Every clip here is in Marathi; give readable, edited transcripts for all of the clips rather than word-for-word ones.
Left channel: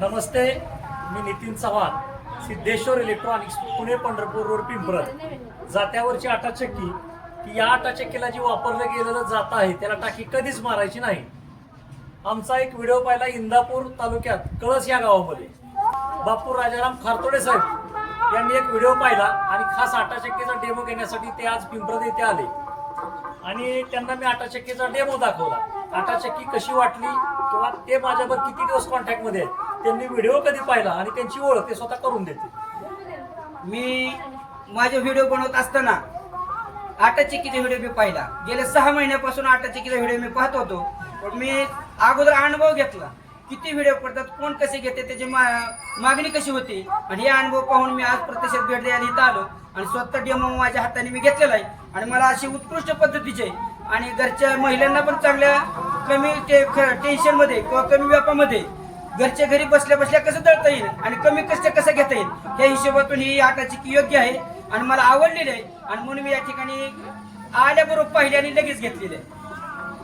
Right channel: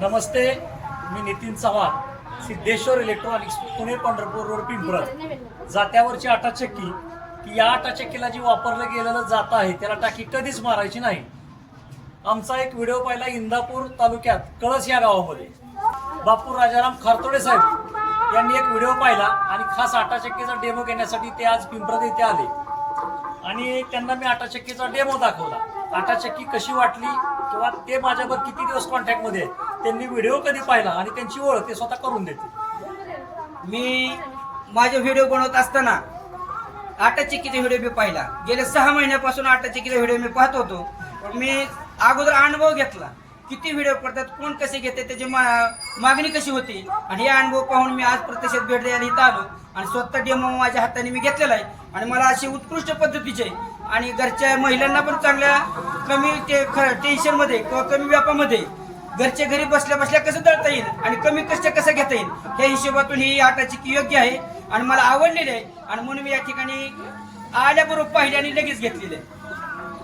नमस्ते, मी नितीन चव्हाण, सिद्धेश्वर इलेक्ट्रॉनिक्स, पुणे पंढरपूर रोड, पिंपरत. जात्यावरची आटा चक्की की या आटा चक्कीला जी वापरलं गेलेलं जात आहे त्याला टाकी कधीच मारायची नाही. आमचा एक व्हिडिओ पाहिला इंदापूर तालुक्यात कळस या गावामध्ये. बापू राजाराम खारतोडे साहेब यांनी एक व्हिडिओ पाहिला आणि खास आटा चक्कीचा डेमो घेण्यासाठी ते आज पिंपरत येथे आले आणि त्यांना मी आटा चक्कीचा डेमो दाखवला. आटा चक्की कशी वाटली किंवा ते माझ्यावर किती दिवस कॉन्टॅक्ट मध्ये आहेत, त्यांनी व्हिडिओ कधी पाहिला आणि त्यांची ओळख ते स्वतः करून देते. मी माझे व्हिडिओ बनवत असताना आटा चक्कीचा व्हिडिओ मी पाहिला. गेल्या 6 महिन्यापासून आटा चक्कीचा व्हिडिओ मी पाहत होतो. मी अगोदर अनुभव घेतला, किती व्हिडिओ पडतात, कोण कसे घेते, त्याची मागणी कशी होती, आणि हे अनुभव पाहून मी आज प्रत्यक्षात भेट द्यायला इथं आलो आणि स्वतः डेमो माझ्या हाताने मी घेतलेला आहे. आणि मला अशी उत्कृष्ट पद्धतीचे आणि घरच्या महिलांना पण चांगल्या कमी टेन्शनमध्ये किंवा कमी व्यापामध्ये घरच्या घरी बसल्या बसल्या कसं दळता येईल आणि कमी कष्ट कसं घेता येईल या हिशोबातून ही आटा चक्की योग्य आहे आणि मला आवडलेली आहे. आणि म्हणून मी या ठिकाणी आल्याबरोबर पाहिली आणि लगेच घेतलेली आहे.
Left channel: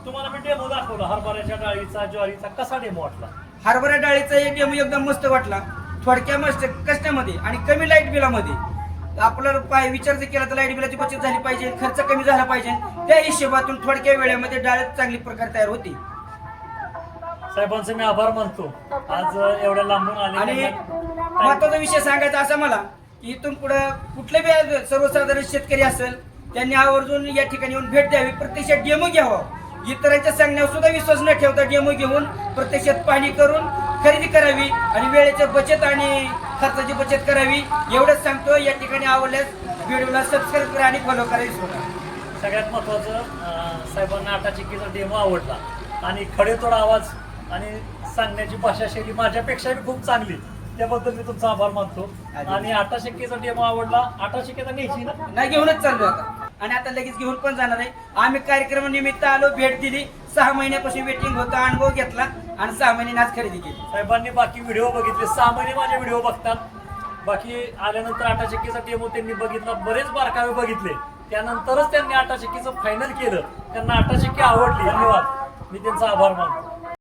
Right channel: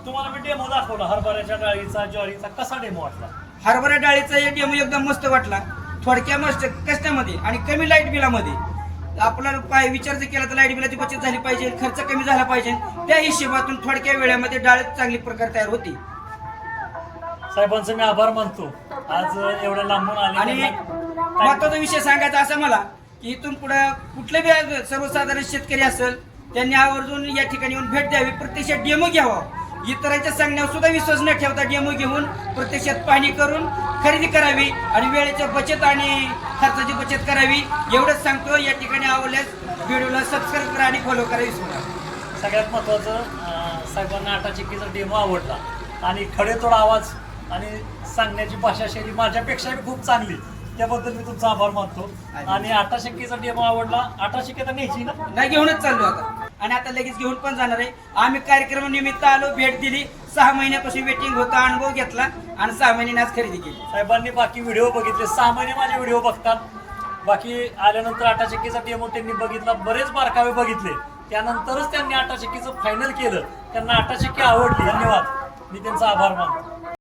तुम्हाला मी डेमो दाखवला हरभऱ्याच्या डाळीचा, ज्वारीचा. कसा डेमो वाटला? हरभरा डाळीचा एक डेमो एकदम मस्त वाटला. थोडक्या मस्त कष्टामध्ये आणि कमी लाईट बिलामध्ये आपल्याला विचार जर केला तर लाईट बिलाची बचत झाली पाहिजे, खर्च कमी झाला पाहिजे. त्या हिशोबातून थोडक्या वेळामध्ये डाळ चांगली प्रकार तयार होती. साहेबांचे मी आभार मानतो, आज एवढ्या लांबून आले. आणि महत्वाचा विषय सांगायचा असा मला की इथून पुढे कुठले बी सर्वसाधारण शेतकरी असेल त्यांनी आवर्जून या ठिकाणी येऊन भेट द्यावी, प्रत्यक्षात डेमो घ्यावा. इतरांच्या सांगण्यावर सुद्धा विश्वास न ठेवता डेमो घेऊन प्रत्यक्षात पाहणी करून खरेदी करावी आणि वेळेची बचत आणि खर्चाची बचत करावी. एवढंच सांगतो. या ठिकाणी आवडल्यास व्हिडिओला सबस्क्राईब करा आणि फॉलो करा विसरू नका. सगळ्यात महत्वाचं, साहेबांना आटा चक्कीचा डेमो आवडला आणि खडेतोड आवाज आणि सांगण्याची भाषाशैली माझ्यापेक्षाही खूप चांगली, त्याबद्दल मी तुमचा आभार मानतो. आणि आटा चक्कीचा डेमो आवडला. आटा चक्की आता न्यायची ना? नाही, घेऊनच चाललो आता आणि आता लगेच घेऊन पण जाणार आहे. आम्ही कार्यक्रमानिमित्त आलो, भेट दिली. 6 महिन्यापासून वेटिंग होता, अनुभव घेतला आणि 6 महिन्याने आज खरेदी केली. साहेबांनी बाकी व्हिडिओ बघितले, 6 महिने माझे व्हिडिओ बघतात. बाकी आल्यानंतर आटा चक्कीचा डेमो त्यांनी बघितला, बरेच बारकावे बघितले, त्यानंतरच त्यांनी आटा चक्कीचं फायनल केलं. त्यांना आटा चक्की आवडली. धन्यवाद, मी त्यांचा आभार मानतो.